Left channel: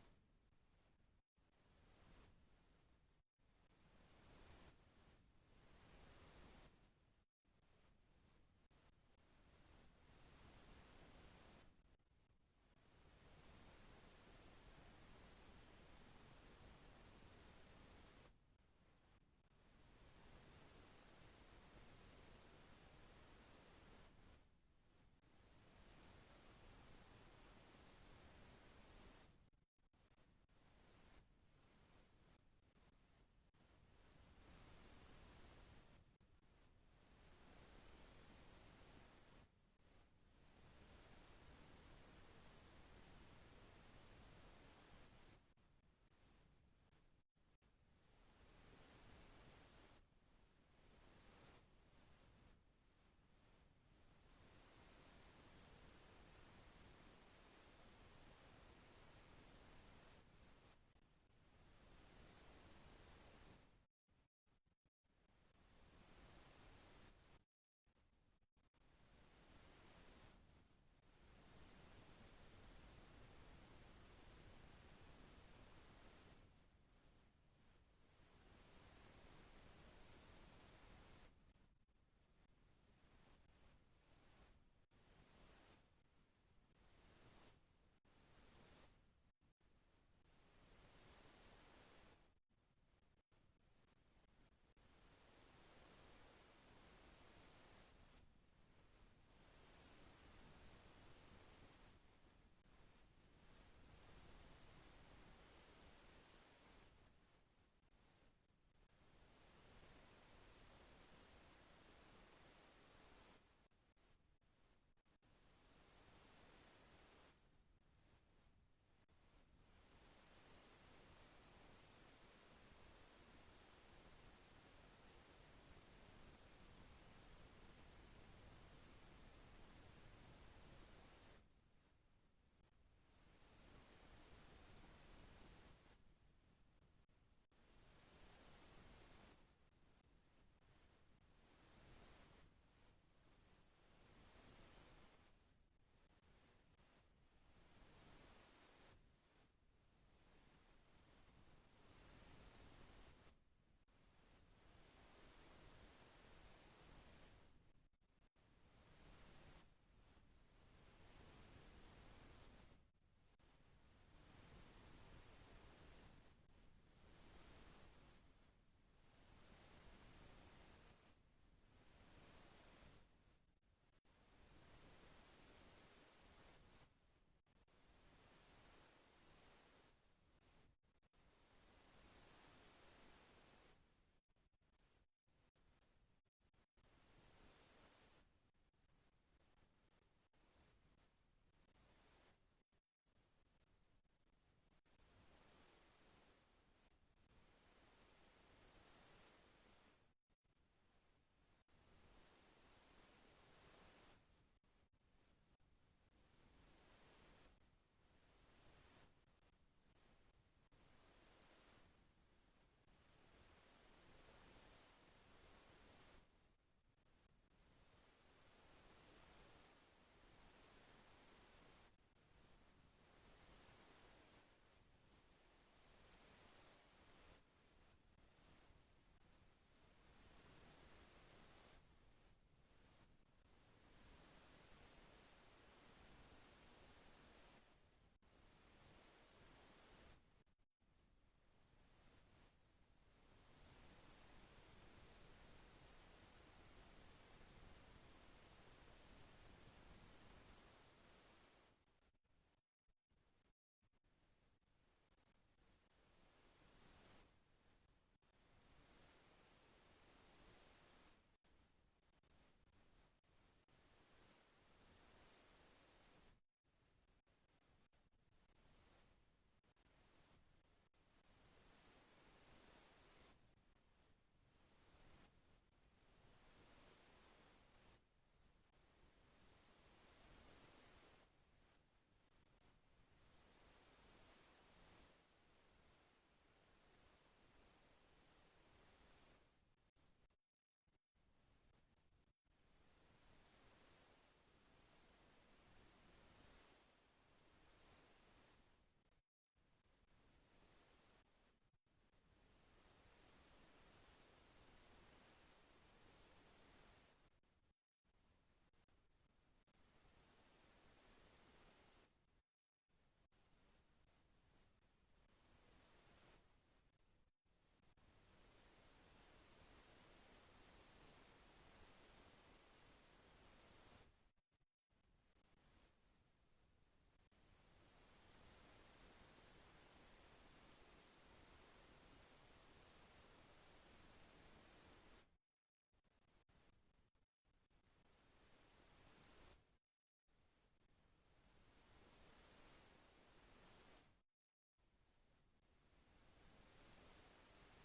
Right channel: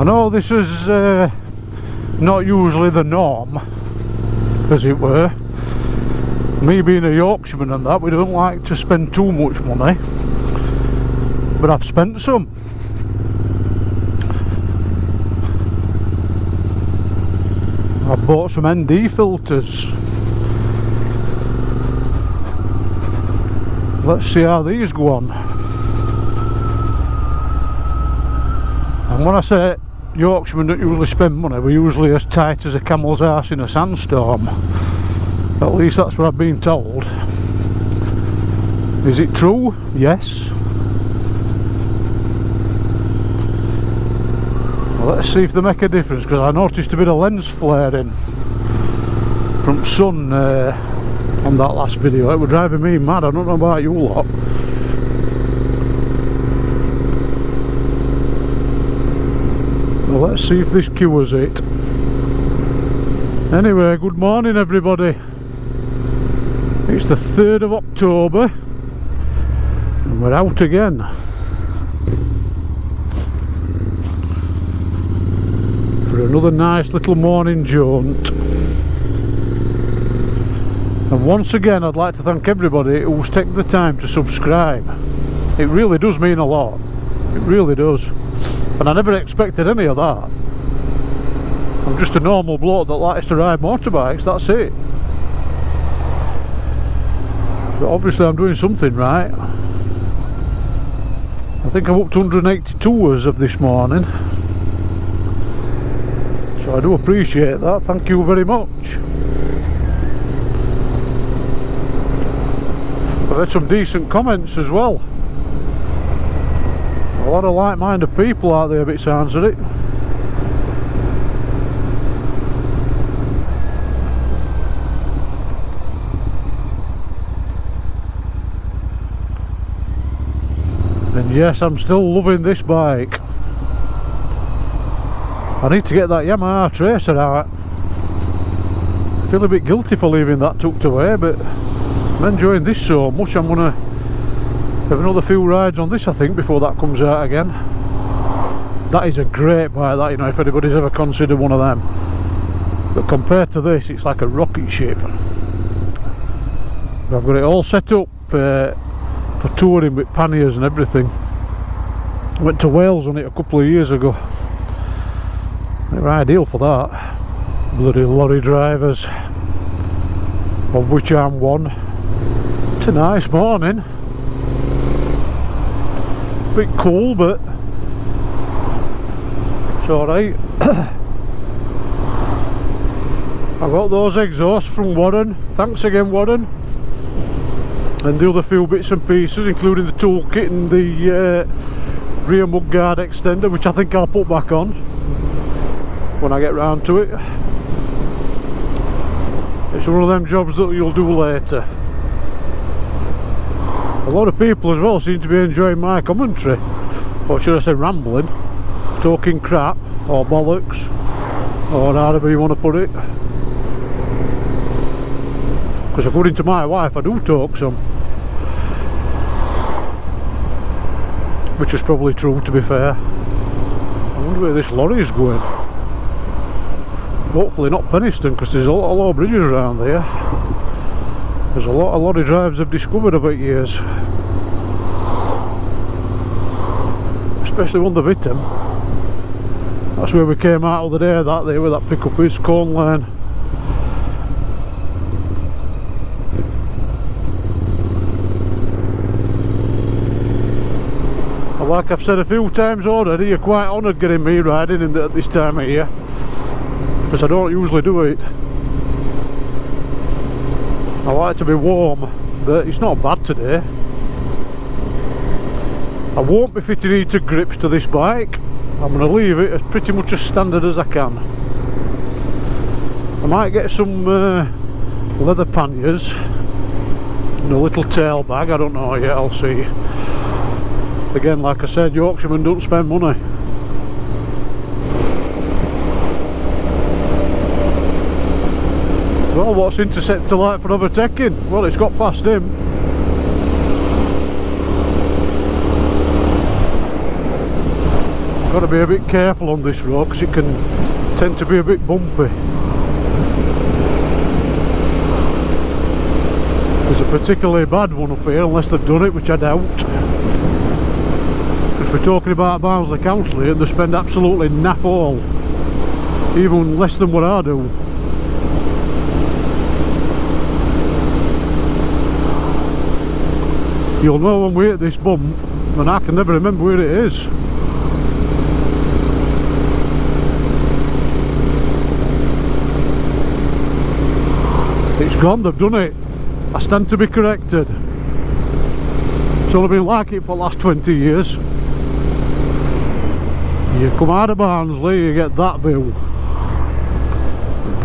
I know this is not usually the norm, as it were. Me being a Yorkshireman and that, we don't like to spend too much money, but I've spent some. I've bought some ND filters. Let's see how these go on. And when I say Yorkshiremen don't usually spend money, we're usually as tight as a camel's arse in a sandstorm. At least that's what I've been told. Is it true? Yes. Well, let's see if they make a difference, because I noticed a bit of lens flaring from sun on that last video. It was driving me mad. I don't know about you lot. Well, let's see if this cures it. Anyway, good morning everybody. It's the 3rd of October and we're out again. For another nice little morning jaunt. And once again I'd like to thank everybody who's taken the time to subscribe. It really does mean a lot. It really does. And I never expected any of that. I'm just a normal bloke that likes to ride motorbikes, that's it. But obviously I'm doing something right. I think I'm up to 182 as of this morning. So I do appreciate that, thank you very much. I've had some decent comments as well. A lot of like-minded people out there, a bit sounds of it. And yes, I'm still loving this bike. I need to get that Yamaha Tracer out. I feel a bit guilty for leaving that tucked away, but I'm enjoying this so much. I'm gonna have another few rides on this, I think, before that comes out again. That is a great bike, that, you know, if anybody's ever considered one of them. But compared to this, it's like a rocket ship. I've got it all set up for touring with panniers and everything. I went to Wales on it a couple of years ago. They were ideal for that. Bloody lorry drivers, of which I'm one. It's a nice morning. Bit cool, but it's alright. I got those exhausts from Warren. Thanks again, Warren. And the other few bits and pieces, including the toolkit and the rear mudguard extender, which I think I'll put back on when I get round to it. It's one of them jobs that you'll do later. A lot of people as well seem to be enjoying my commentary, or should I say rambling, talking crap or bollocks, or however you want to put it. Because according to my wife I do talk some, which is probably true, to be fair. I wonder where this lorry is going. Hopefully not Penistone, because there's a lot of low bridges around there. There's a lot of lorry drivers I've discovered over years, especially one the Vittem. That's where we came out of the day, that there where that pickup is, Corn Lane. And like I've said a few times already, you're quite honoured getting me riding in at this time of year, because I don't usually do it. I like to be warm, but it's not bad today. I won't be fitting heated grips to this bike. I'm going to leave it as pretty much as standard as I can. I might get some leather panniers and a little tail bag, I don't know yet, I'll see. Again, like I said, Yorkshiremen don't spend money. Well, what's Interceptor like for overtaking? Well, it's got past him. Got to be a bit careful on this road because it can tend to be a bit bumpy. There's a particularly bad one up here, unless they've done it, which I doubt. Because we're talking about Barnsley Council here, and they spend absolutely naff all, even less than what I do. You'll know when we hit this bump, and I can never remember where it is. It's gone, they've done it. I stand to be corrected. It's only been like it for the last 20 years. You come out of Barnsley, you get that view.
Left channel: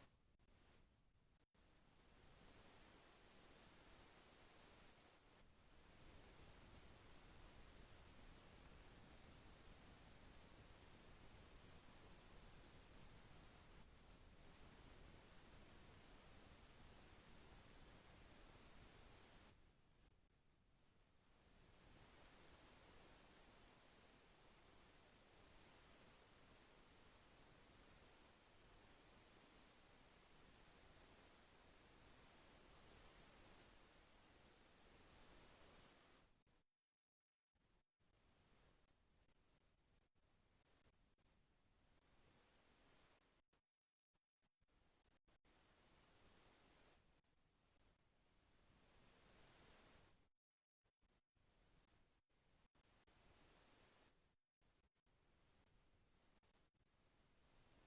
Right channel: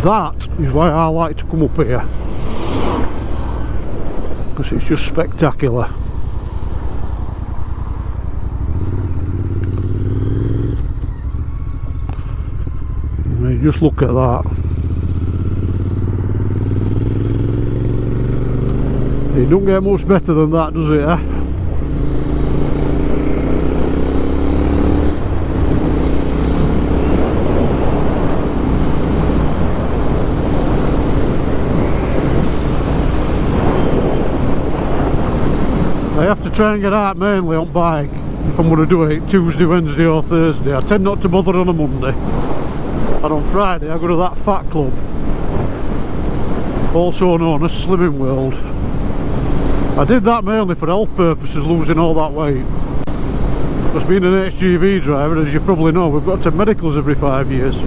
That is why I like to come up here, because it's just spectacular. I mean, just look at that. It don't get much better than that, does it, eh? I have to try and get out mainly on bike if I'm going to do it Tuesday, Wednesday or Thursday. I tend not to bother on a Monday. And on Friday I go to that fat club, also known as Slimming World. I did that mainly for health purposes, losing all that weight. Because being an HGV driver, as you probably know, we've got to medicals every 5 years.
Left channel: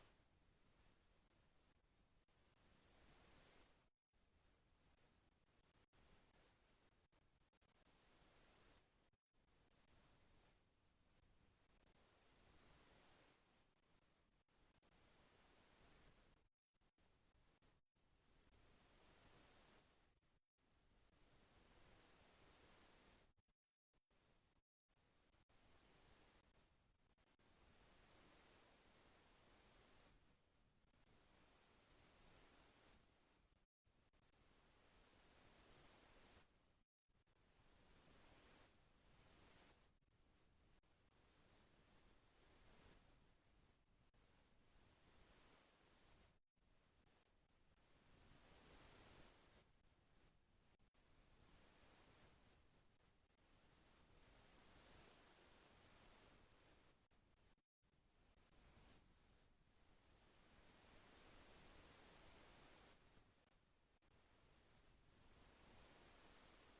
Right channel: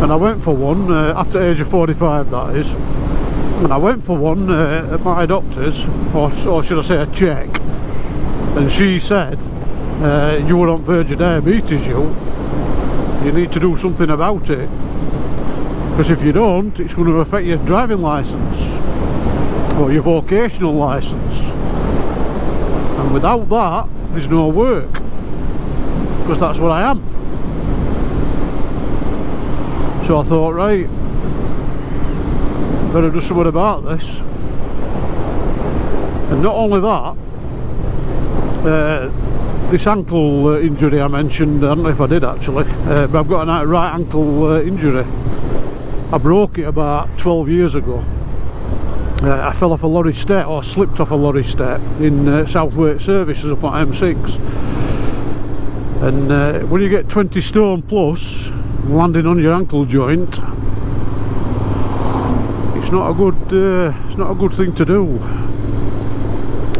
And I went for one, after the age of 45 that is. And I went for one at my doctor's, or should I say a check. And she said, you were on verge of diabetes, you need to do something about it. Because if you don't, it's going to affect your driving licence. Or your vocational licence, and without that there's no work, because that's what I am. So I thought, right, better do something about this. And not only that, this ankle injury I mentioned, I don't know if I did actually, but I've got a right ankle injury. I broke it about 12 years ago. I fell off a lorry step, or slipped off a lorry step in Southwark Services up on M6. And when you get 20 stone plus landing on your ankle joint, it's not a good thing to do.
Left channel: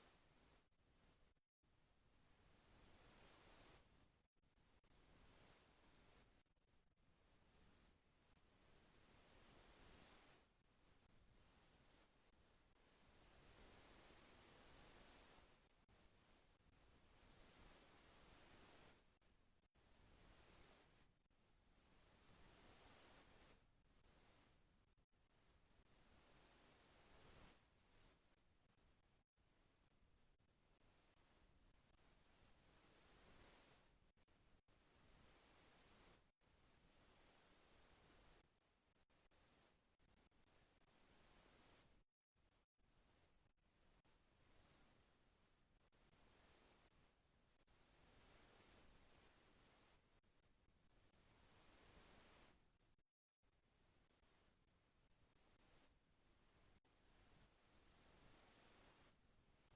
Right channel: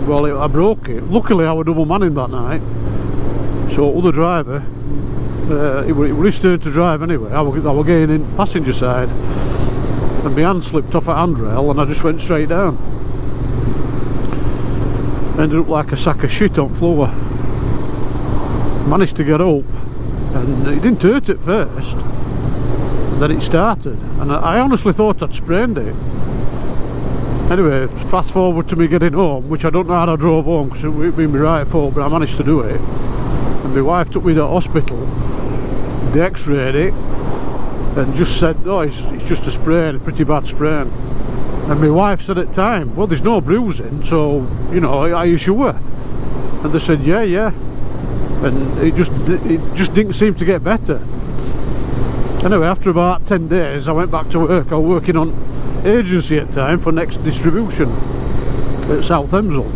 Well, I broke it. Luckily I was double manning that night, so other driver, it was his turn to drive anyway. I was getting in passenger side, and my hand slipped off a handrail and I just went straight down. Ended up like a sack of shit on floor. Managed to get up, and it didn't hurt at first, and then it started, and I honestly thought I'd sprained it. Anyway, fast forward to me getting home, which I don't know how I drove home because it would be my right foot, but I managed to do it. And my wife took me to the hospital. They x-rayed it and just said, oh, it's just a sprain, a pretty bad sprain. And my wife said at the time, well, there's no bruising, so, you know, are you sure? And they said, yeah. And it just didn't seem to get better. Anyway, after about 10 days, I went back to work. I was working on agency at the time for Next Distribution at South Hemsel.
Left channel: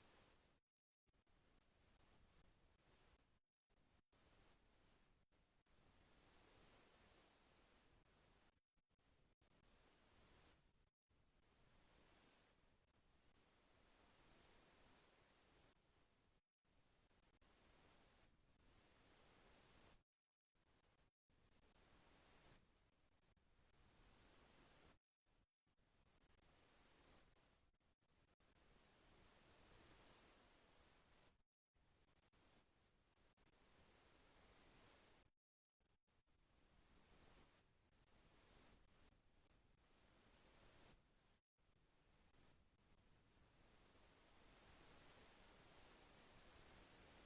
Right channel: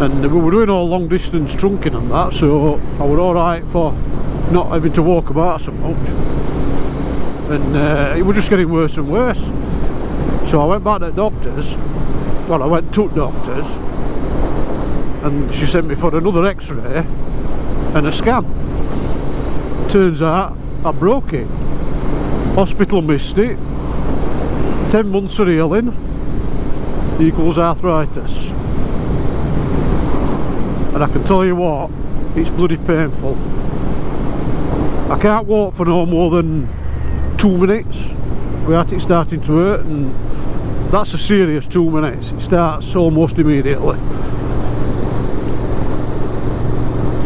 And we were doing all long distance trunking and that, so I was alright for not having to walk about so much. And it was just getting worse and worse. So I went back to the doctors. Well, I went to doctors, and she sent me for another x-ray and a scan. Turns out I broke it. Hospital missed it. 10 months of healing equals arthritis. And I can tell you what, it's bloody painful. I can't walk for no more than 2 minutes without it starting to hurt, and that's a serious 2 minutes. It starts almost immediately.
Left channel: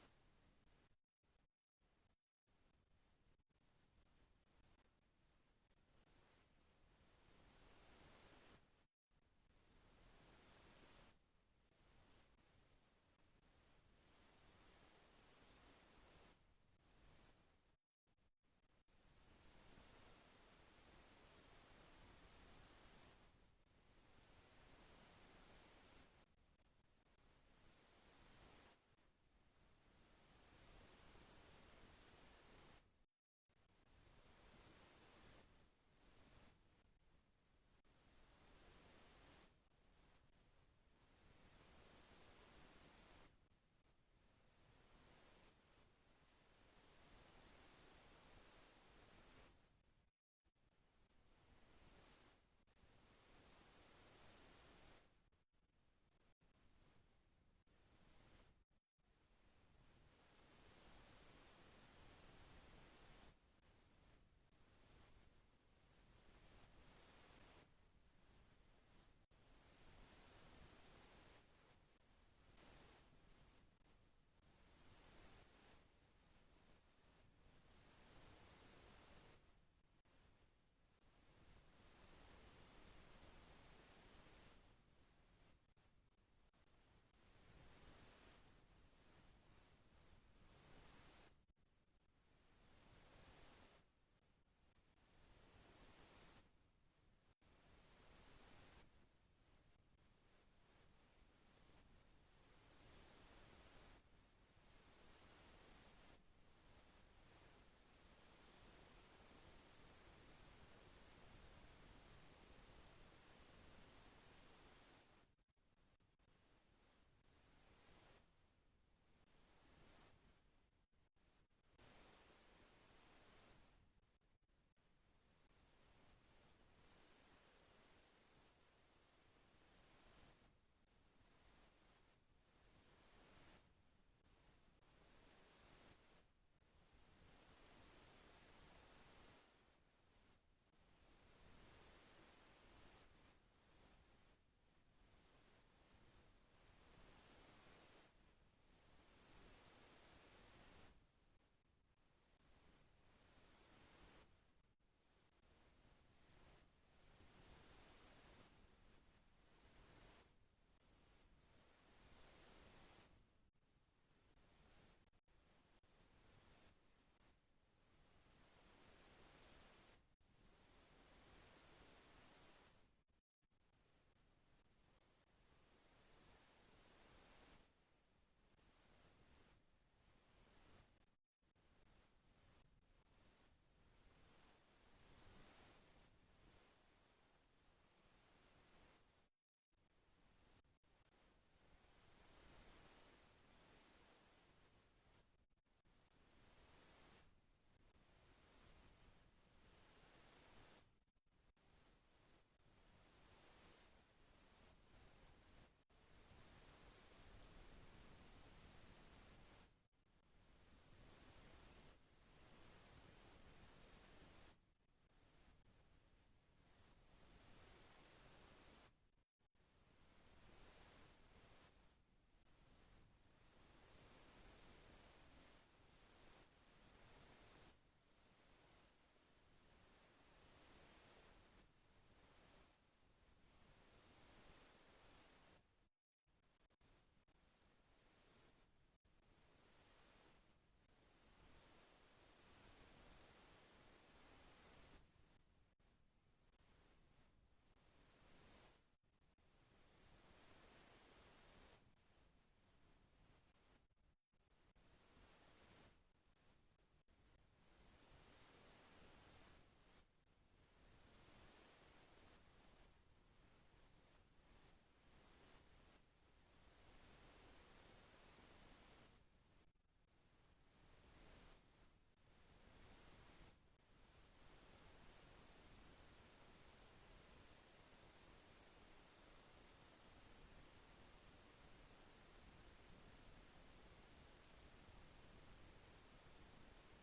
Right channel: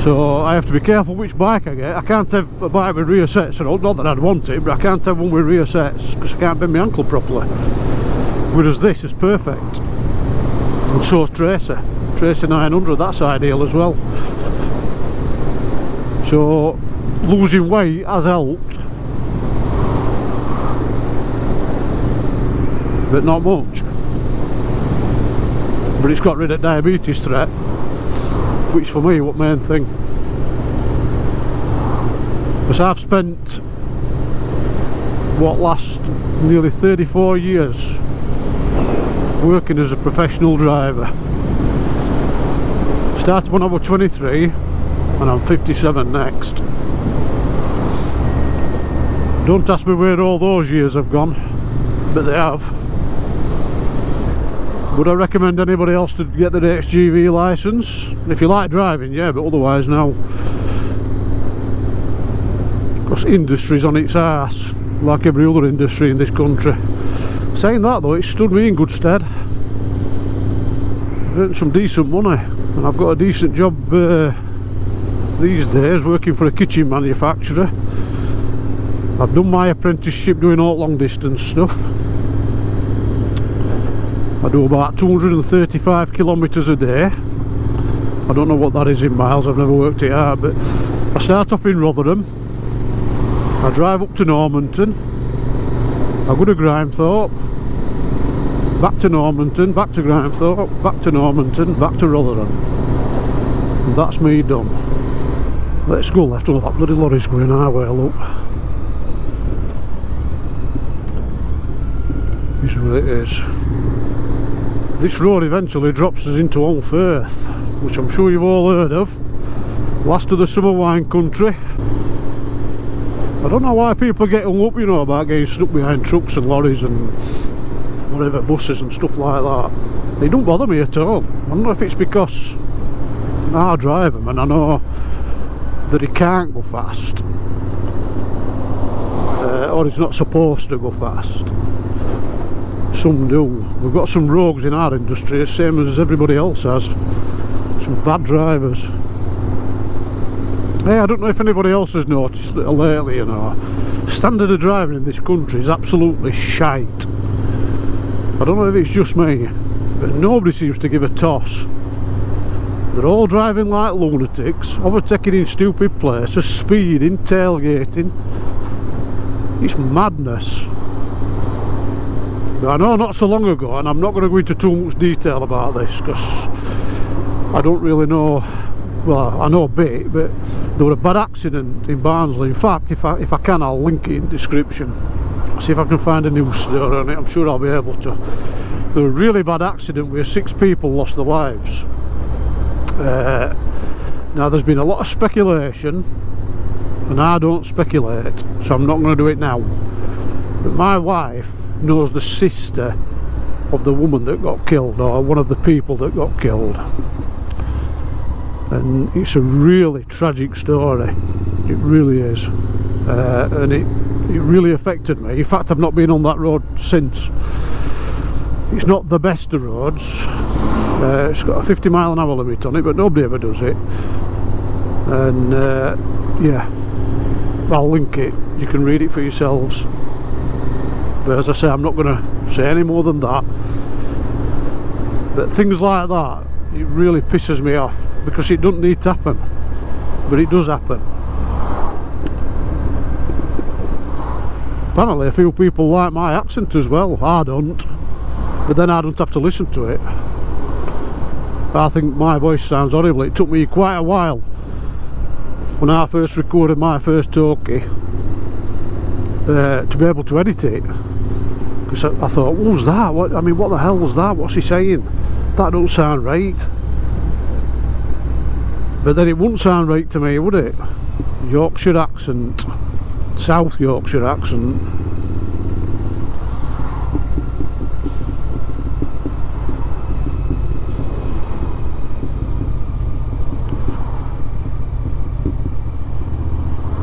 So I have to be careful which bike I get. I can't have a bike with rear sets, not that I'd want it, but I can't have one with rear sets because I can't bend my ankle properly. Whereas this is perfect. And so is Tracer 900, that's ideal as well. So losing weight has helped, but not much. But it's got rid of diabetes threat, which for me was the main thing. Because I've spent last nearly 34 years working as a professional driver. Started when I was 23 and I'm 57 next. Don't ask me where all those years have gone, but they have. Would I recommend anybody else to get their HGV licence? If you like driving, yeah, but otherwise now. Because industry's on its arse, like every other industry in this country. Saying that though, it's stood me in good stead. I've earned some decent money, and I've got a decent job these days, working for a kitchen manufacturer. I've done my apprenticeship doing all long distance stuff. I do about 235 kilometres a day. I don't know what that is in miles, I've never worked it out, but I start off in Rotherham. I drive up to Normanton, I go to Grimethorpe, back to Normanton, back to Grimethorpe, back to Normanton, back to Rotherham. And that's me done. Let's go left. Oh, that bloody lorry's going our way, look. This is what it is. This road eventually drops us into Holmfirth, which I'm sure you've all heard of. Last of the summer wine country. I don't know why people get hung up, you know, about getting stuck behind trucks and lorries and whatever, buses and stuff like that. They don't bother me at all. I don't know if it's because I drive them and I know that he can't go fast, or he's not supposed to go fast. Some do. We've got some rogues in our industry, same as everybody else has. Some bad drivers. Hey, I don't know if anybody else has noticed that lately, you know, standard of driving in this country is absolutely shite. I don't know if it's just me, but nobody seems to give a toss. They're all driving like lunatics, overtaking in stupid places, speeding, tailgating. It's madness. But I know not so long ago, and I'm not going to go into too much detail about this because I don't really know. Well, I know a bit, but there was a bad accident in Barnsley. In fact, if I can, I'll link it in the description. See if I can find a news story on it. I'm sure I'll be able to. There was a really bad accident where 6 people lost their lives. Now there's been a lot of speculation, and I don't speculate, so I'm not going to do it now. But my wife knows the sister of the woman that got killed, or one of the people that got killed. And it's a really tragic story, it really is, and it really affected me. In fact, I've not been on that road since. It's not the best of roads, it's got a 50-mile-an-hour limit on it, but nobody ever does it. And yeah, I'll link it, you can read it for yourselves. But as I say, I'm not going to say any more than that. But things like that, it really pisses me off, because it doesn't need to happen, but it does happen. Apparently a few people like my accent as well. I don't, but then I don't have to listen to it. I think my voice sounds horrible. It took me quite a while when I first recorded my first talkie to be able to edit it, because I thought, who's that? What the hell was that? What's he saying? That don't sound right. But then it wouldn't sound right to me, would it? Yorkshire accent, South Yorkshire accent.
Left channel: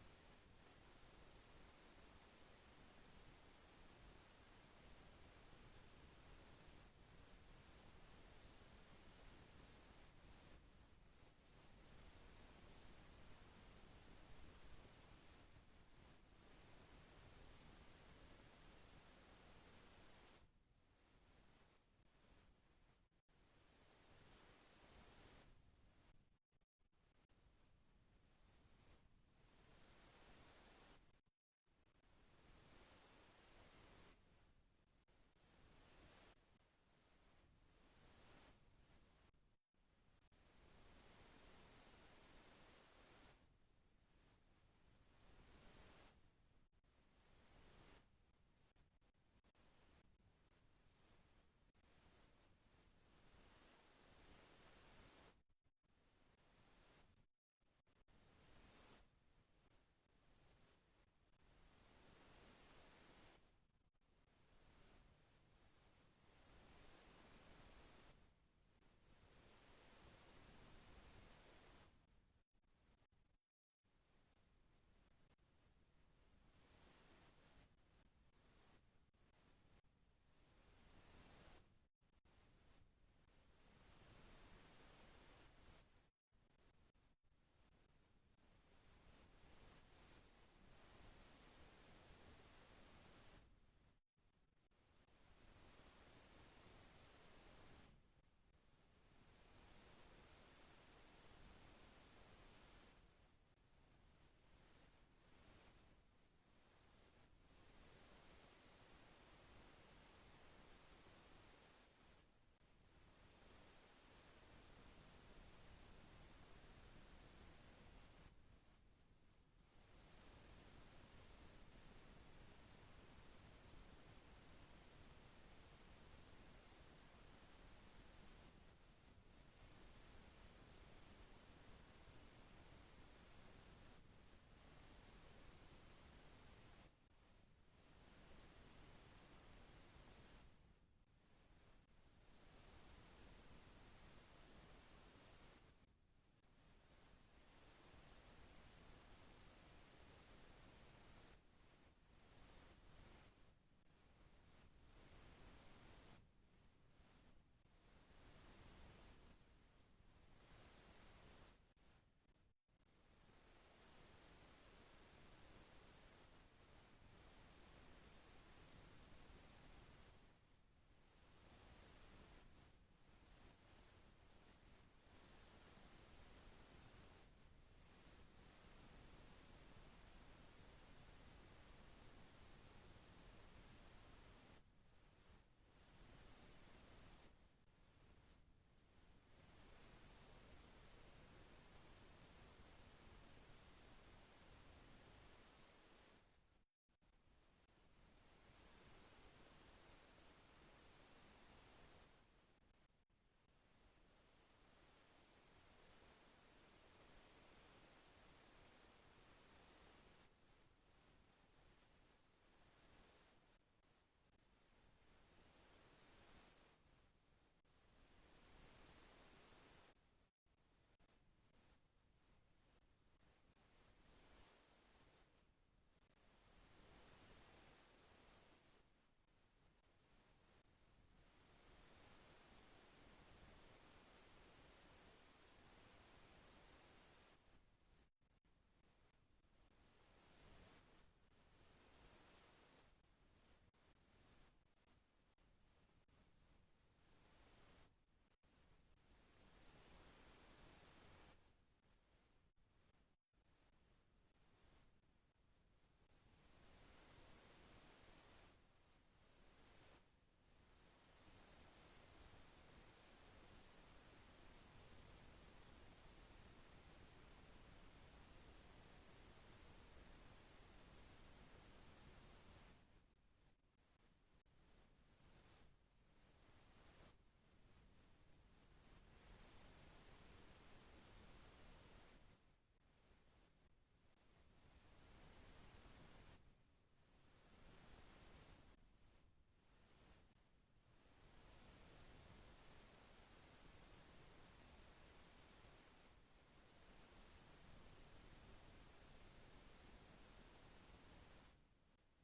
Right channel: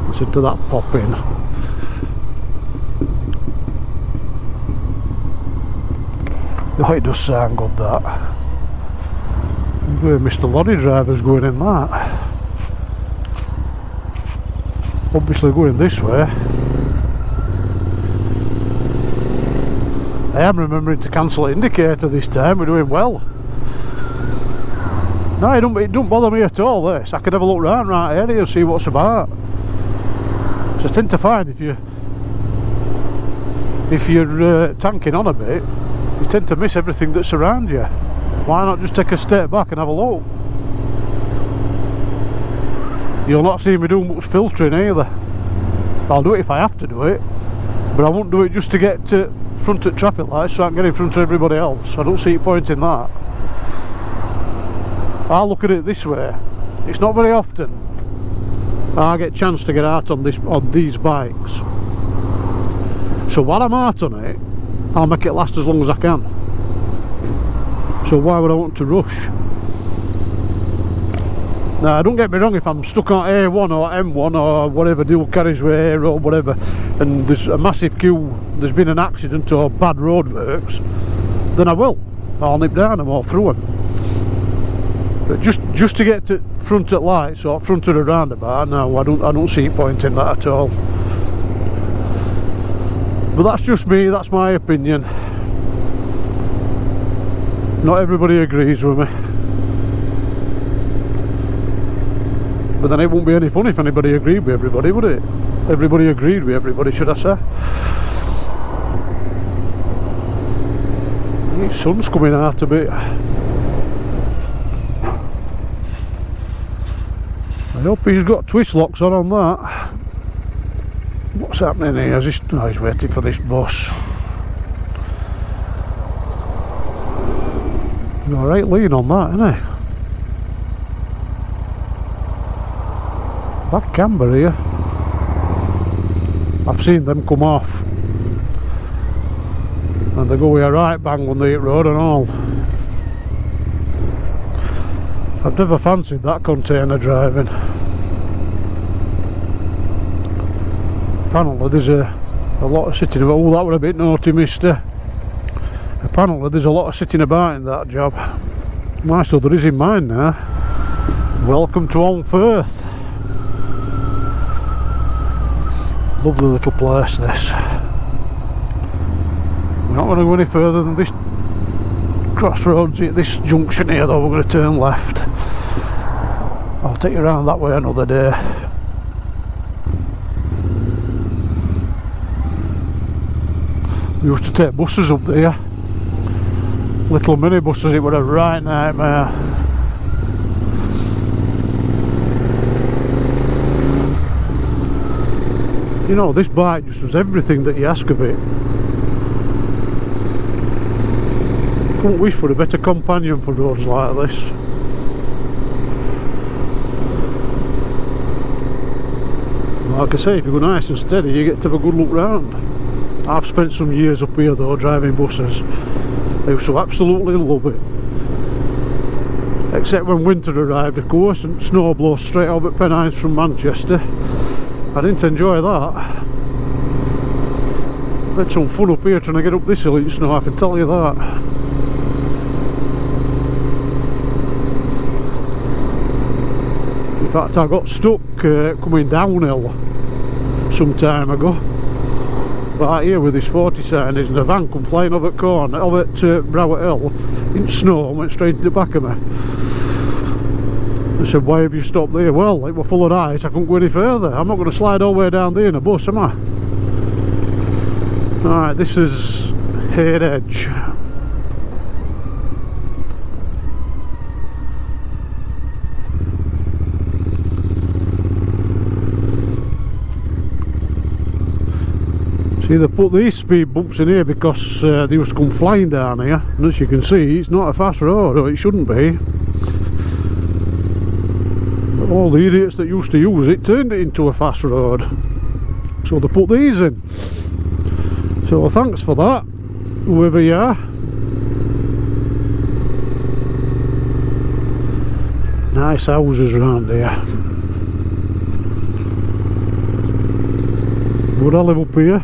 Listen to that popping. Oh, it does sound good, that. Where Mr. Lorry Driver's going in that. Obviously going this way. I am remembering to cancel the indicator this time, we're doing well. No, it don't bother me at all, this. I could have a look round right here and see what's about. So I tend to find if you're tanking on a bit, you tend to miss everything that's around you. Why not just take a step back and have a look? You'll not see me do much filtering either. I'll do it if I have to do it, but I won't do it just to get to front at traffic lights so I can get in front of everybody else. I don't see a point in that. I'll look at it this way. It's not very often I get a chance to get out on these bikes. So while I'm out on it, I'll make it last as long as I can. So why would I want to rush? Now, don't get me wrong, if I'm stuck on A1 or M1 or whatever, dual carriageway or whatever, and there's a massive queue, there's been an accident or bad roadworks, then I will. I'll nip down them or through them. But just to get to front at lights or front of a roundabout, no, I don't see a point in that at all. But that's just me, that's my opinion. Not everybody agrees with me. But then it won't be any fun if anybody agreed with everybody, would it? Everybody agreed with everybody, should I say? The sun's coming out a bit. I hope he's got twist locks on that. What's happening here? He's waiting for this bus. He's got a right lean on that, isn't he? That camber here, I've seen them come off, and they go with a right bang on the hit road and all. I've never fancied that container driving. Apparently there's a lot of sitting about. Oh, that were a bit naughty, mister. Apparently there's a lot of sitting about in that job. My so there is in mine now. Welcome to Holmfirth. Lovely little place, this. We're not going to go any further than this crossroads at this junction here, though. We're going to turn left. I'll take you around that way another day. We used to take buses up there, little mini buses. It was a right nightmare. You know, this bike just does everything that you ask of it. Couldn't wish for a better companion for roads like this. Like I say, if you go nice and steady, you get to have a good look round. I've spent some years up here though, driving buses. I used to absolutely love it. Except when winter arrived, of course, and snow blows straight over at Pennines from Manchester. I didn't enjoy that. Had some fun up here trying to get up this hill in snow, I can tell you that. In fact, I got stuck coming downhill some time ago. Right here with this 40 sign is, and a van come flying over at corner, over at Browett Hill in snow and went straight into the back of me. I said, why have you stopped there? Well, it was full of ice, I couldn't go any further. I'm not going to slide all the way down there in a bus, am I? Alright, this is Head Edge. See, they put these speed bumps in here because they used to come flying down here, and as you can see, it's not a fast road, or it shouldn't be. But all the idiots that used to use it turned it into a fast road, so they put these in. So thanks for that, whoever you are. Nice houses around here. Would I live up here?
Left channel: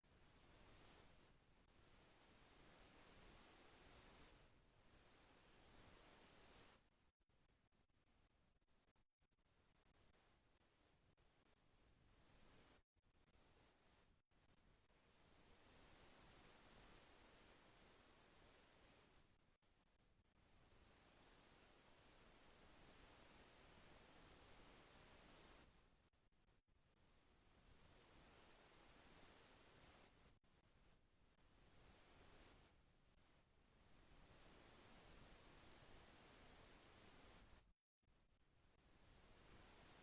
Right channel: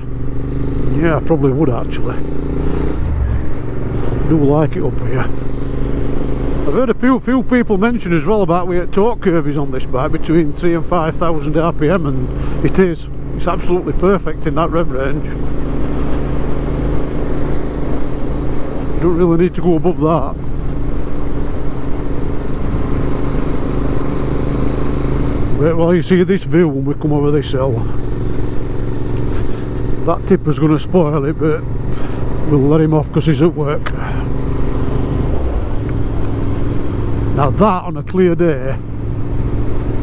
Yeah, I probably would actually. I do like it up here. I've heard a few people mention as well about where torque curve is on this bike, between 3,000 and 5,000 RPM, and it is. It's absolutely perfect in that rev range. You don't really need to go above that. Wait while you see this view when we come over this hill. That tipper's going to spoil it, but we'll let him off because he's at work. Now that on a clear day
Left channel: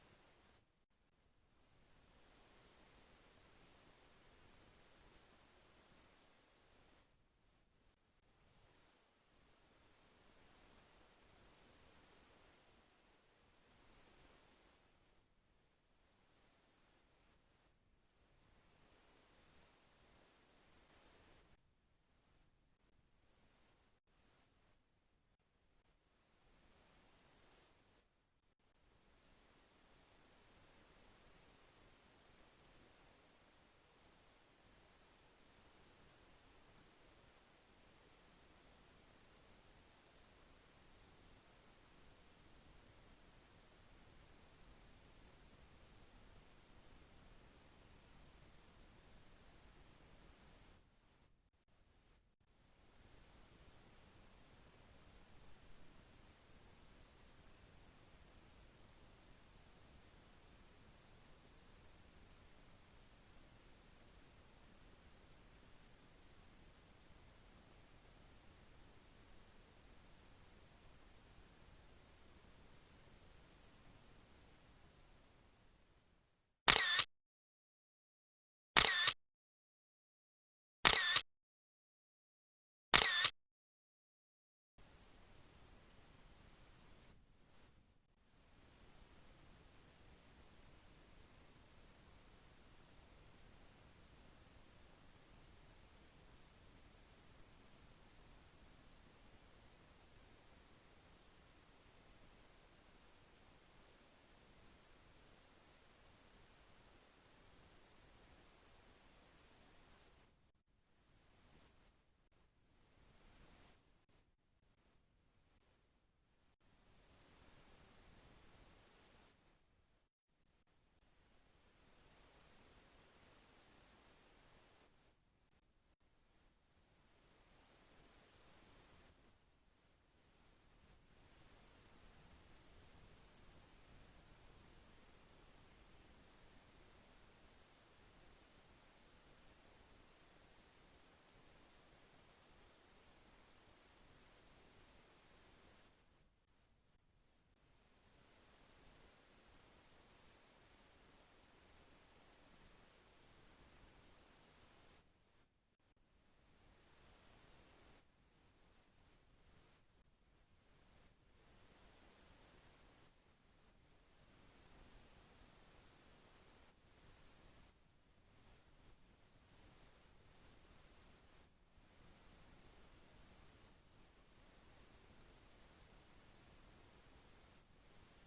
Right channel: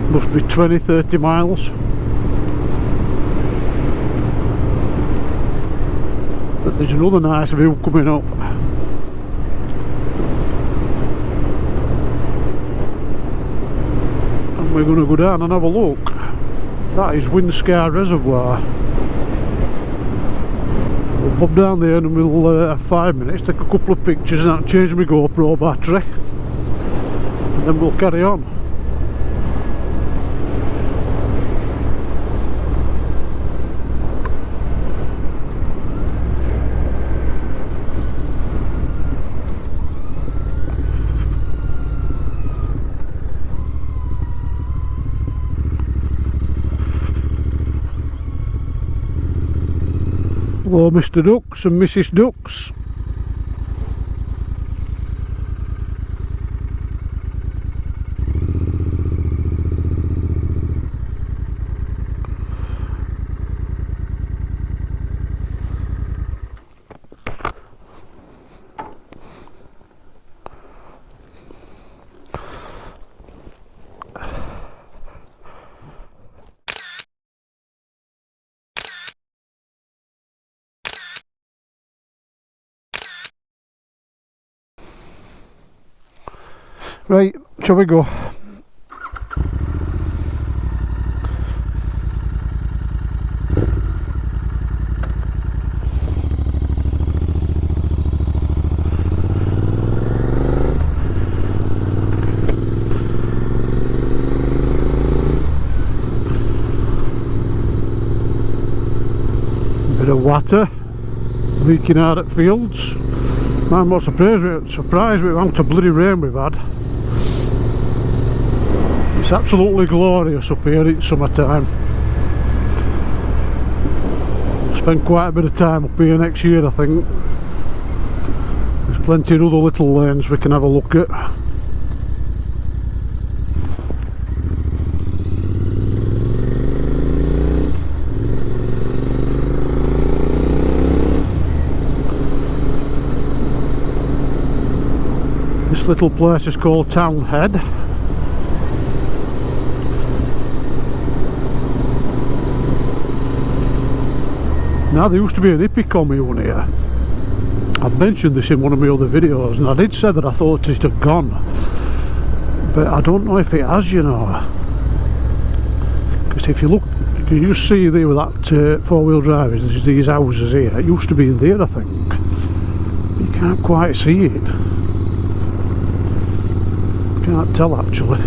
must be 20-30 miles. But there's another nice view coming up. And we're going to go down and have a look. That is Winscar Reservoir. We'll bob down there and we'll have 5 minutes, take a couple of pictures and change my GoPro battery. And then we'll carry on. Hello Mr. Ducks and Mrs. Ducks. Right, shall we go? Bit of water leaking out at fields. I'm not surprised with the amount of bloody rain we've had. It's absolutely glorious up here in summertime. We'll spend quite a bit of time up here next year, I think. There's plenty of other little lanes we can have a look at. This little place is called Town Head. Now there used to be an hippie commune here. I've mentioned this in one of my other videos and I did say that I thought it had gone, but I don't know if it has, you know, because if you look, you can just see there with that four-wheel drive, there's these houses here. It used to be in there, I think, but you can't quite see it. Can't tell actually.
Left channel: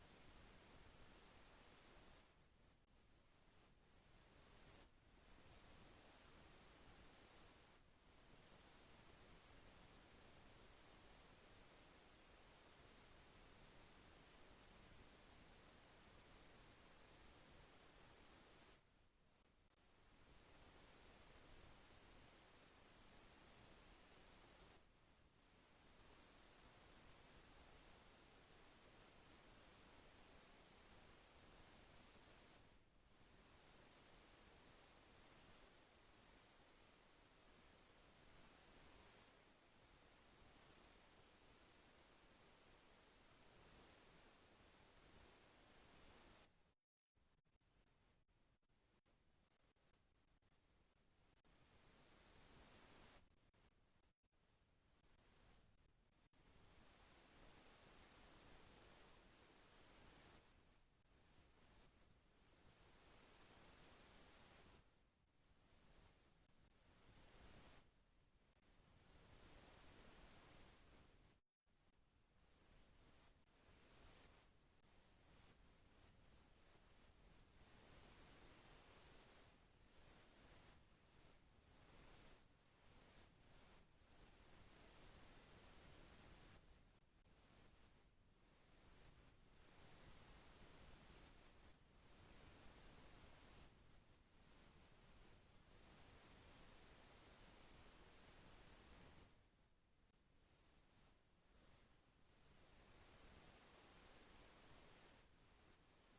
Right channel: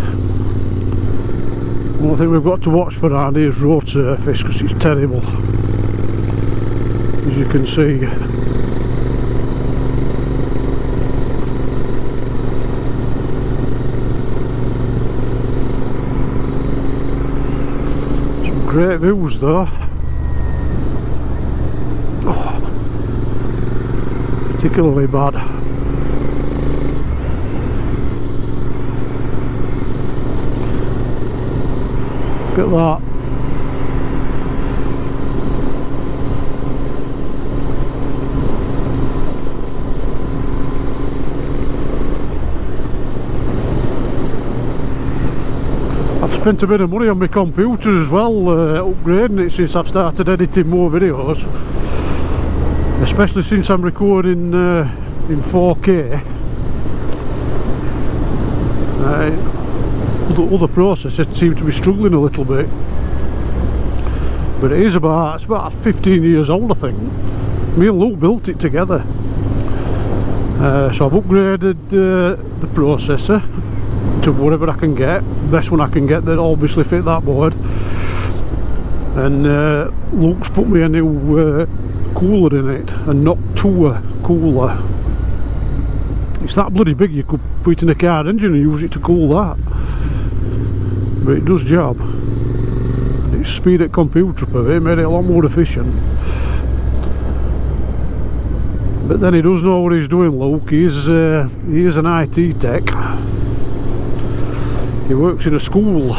One thing we've got to watch for around here is road surface, because it's terrible, as you can see. Some great views though. Oh, particularly bad. Look at that. I've spent a bit of money on my computer as well, upgrading it since I've started editing more videos, especially since I'm recording in 4K. Other processors seem to be struggling a little bit, but it's about 15 years old, I think. Me and Luke built it together, so I've upgraded the processor to whatever I can get, best one I can get that obviously fit that board, and Luke's put me a new cooler in it, a Noctua cooler. It's that bloody big you could put it in a car engine and use it to cool that. But it does job. It's speed at computer up of it, made it a lot more efficient. But then he does know what he's doing, Luke. He is an IT tech. He works in a school.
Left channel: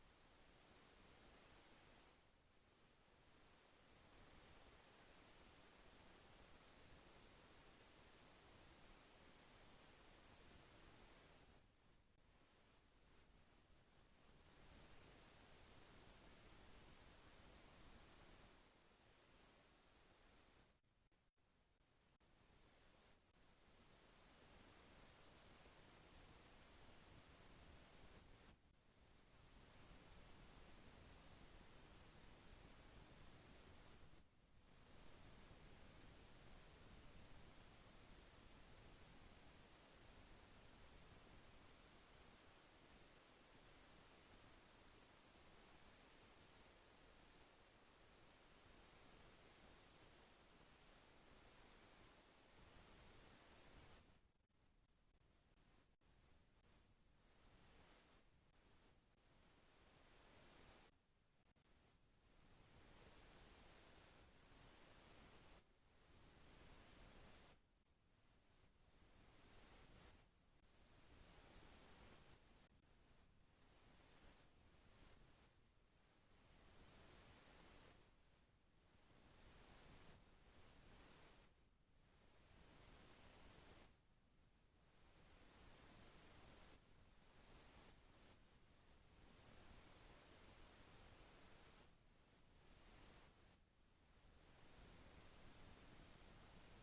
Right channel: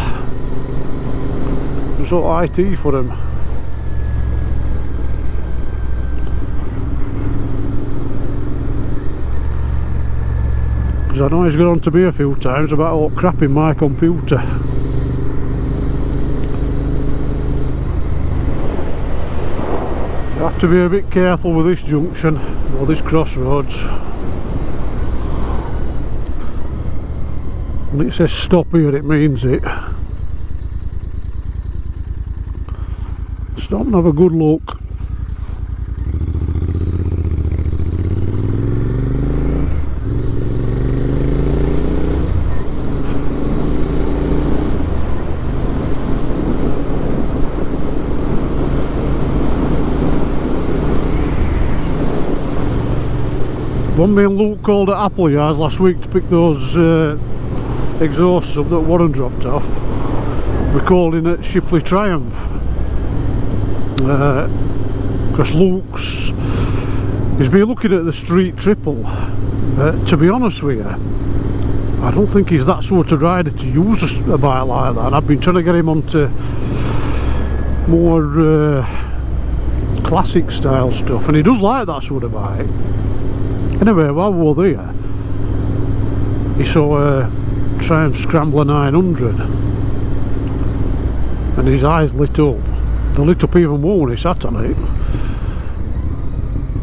some sort of IT for him. Because I know he's got on to me a few times about all crap in my computer. You have to be a bit careful with this junction or this crossroads. When it says stop here, it means it. Stop and have a good look. When me and Luke called at Appleyards last week to pick those exhausts up that Warren dropped off, we're calling it Shipley Triumph. Because Luke's he's been looking at the Street Triple, but to be honest with you, I don't think he's that sort of rider to use a bike like that. And I've been trying to get him onto more classic style stuff, and he does like that sort of bike. Anyway, while we were there, he saw a Triumph Scrambler 900 and his eyes lit up. They lit up even more when he sat on it.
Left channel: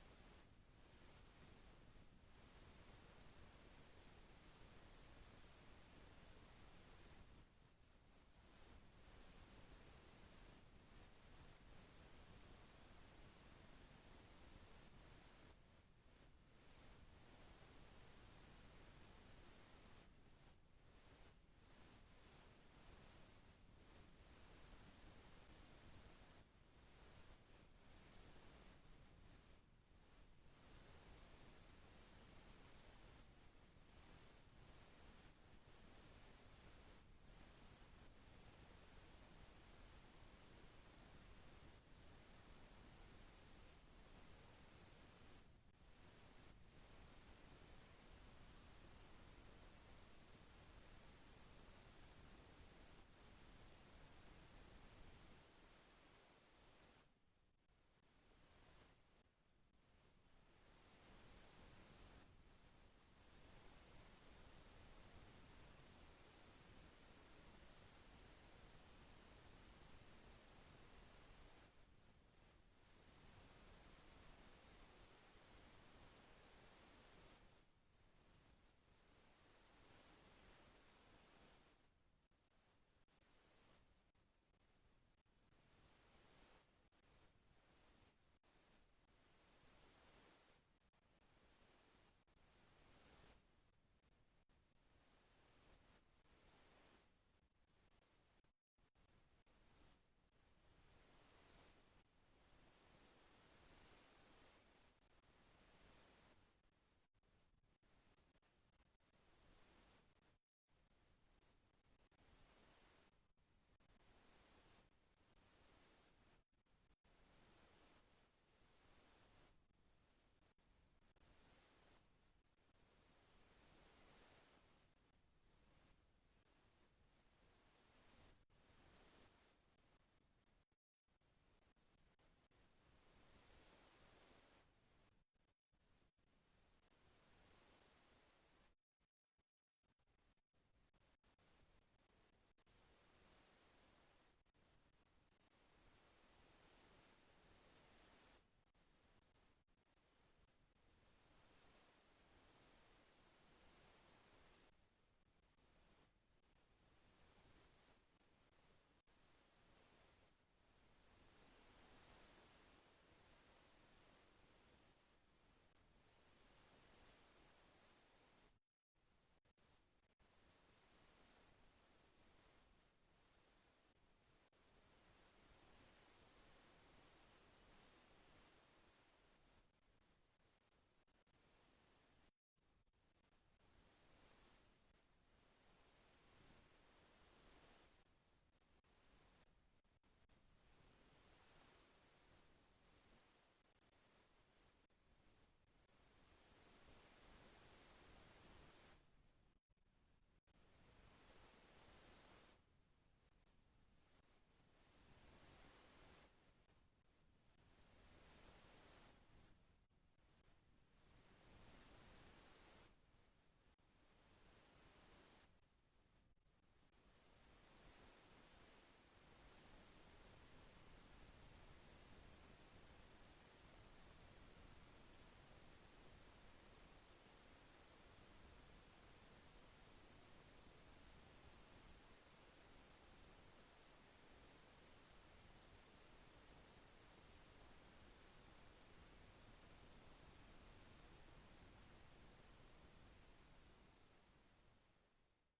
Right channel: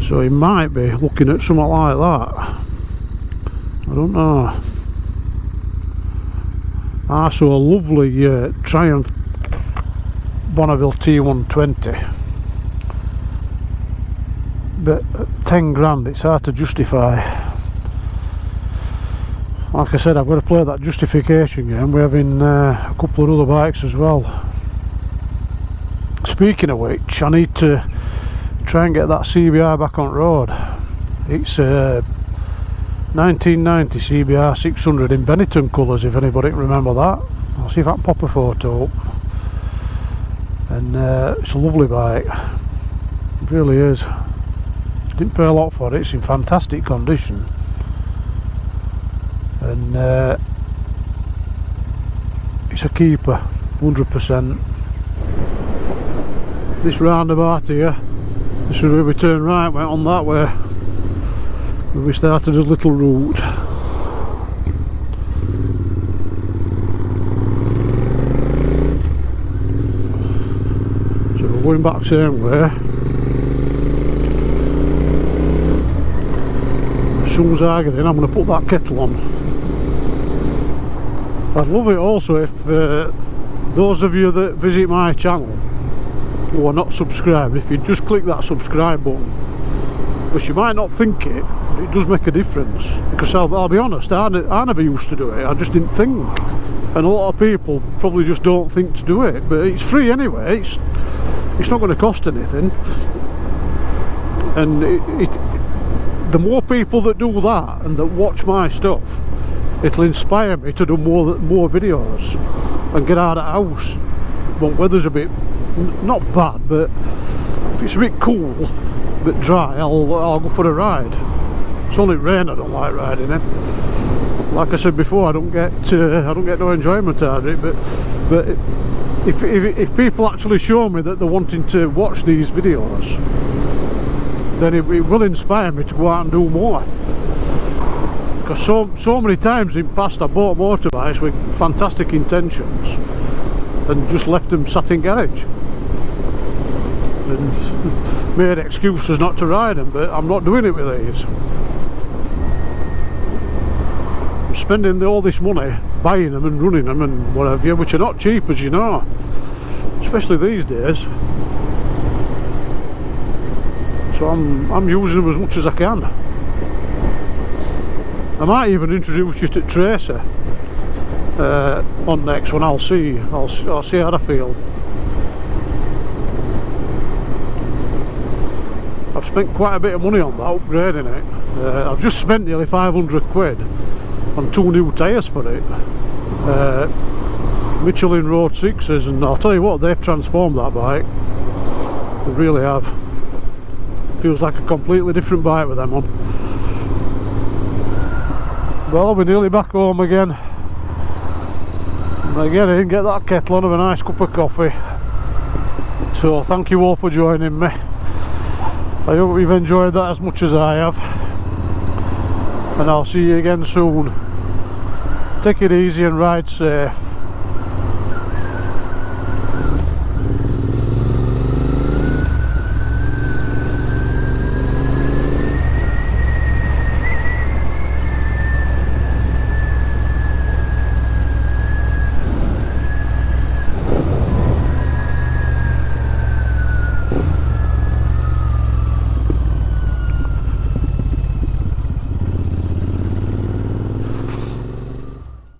So he might be looking at something like that. I don't know. I saw a lovely Triumph Bonneville T120, but at 10 grand it's hard to justify. Like I said, I've got to play that justification game. We're having a couple of other bikes as well. Speaking of which, I need to try and get that CBR back on road. It's 1990 CBR 600 in Benetton colours, if anybody can remember that. I'll see if I can pop a photo up. And it's a lovely bike, it really is. Didn't pay a lot for it, it's in fantastic condition. And it's a keeper, 100%. This roundabout here, this is where we turn right, went on that way when we started his little route. So we're going back same way. As soon as I get in, I'm going to put that kettle on. I'd love it also if those of you that visit my channel who are not subscribed, if you just click that subscribe button, because you might not think it, but it does make a difference. Because I'll be honest, I never used to do it, I just didn't think, and a lot of people probably just don't think to do it, but it's free anyway, it's not going to cost anything, and the more people that do that and that watch my stuff, it'll inspire me to do more videos and get out of the house when weather's a bit not bad, but if it's a bit cool, a bit dry, I'll go for a ride. It's only rain I don't like riding in. Like I said before, I don't get no enjoyment out of it. But if people actually show me that they're wanting to watch these videos, then it will inspire me to go out and do more. Because so many times in the past I bought motorbikes with fantastic intentions and just left them sat in garage and made excuses not to ride them, but I'm not doing it with these. I'm spending all this money buying them and running them and whatever, which are not cheap, as you know, especially these days. So I'm using them as much as I can. I might even introduce you to Tracer on next one. I'll see how I feel. I've spent quite a bit of money on that, upgrading it. I've just spent nearly 500 quid on 2 new tyres for it. Michelin Road 6s, and I'll tell you what, they've transformed that bike. They really have. Feels like a completely different bike with them on. Well, we're nearly back home again. I get in, get that kettle on, have a nice cup of coffee, So thank you all for joining me. I hope you've enjoyed that as much as I have, and I'll see you again soon. Take it easy and ride safe.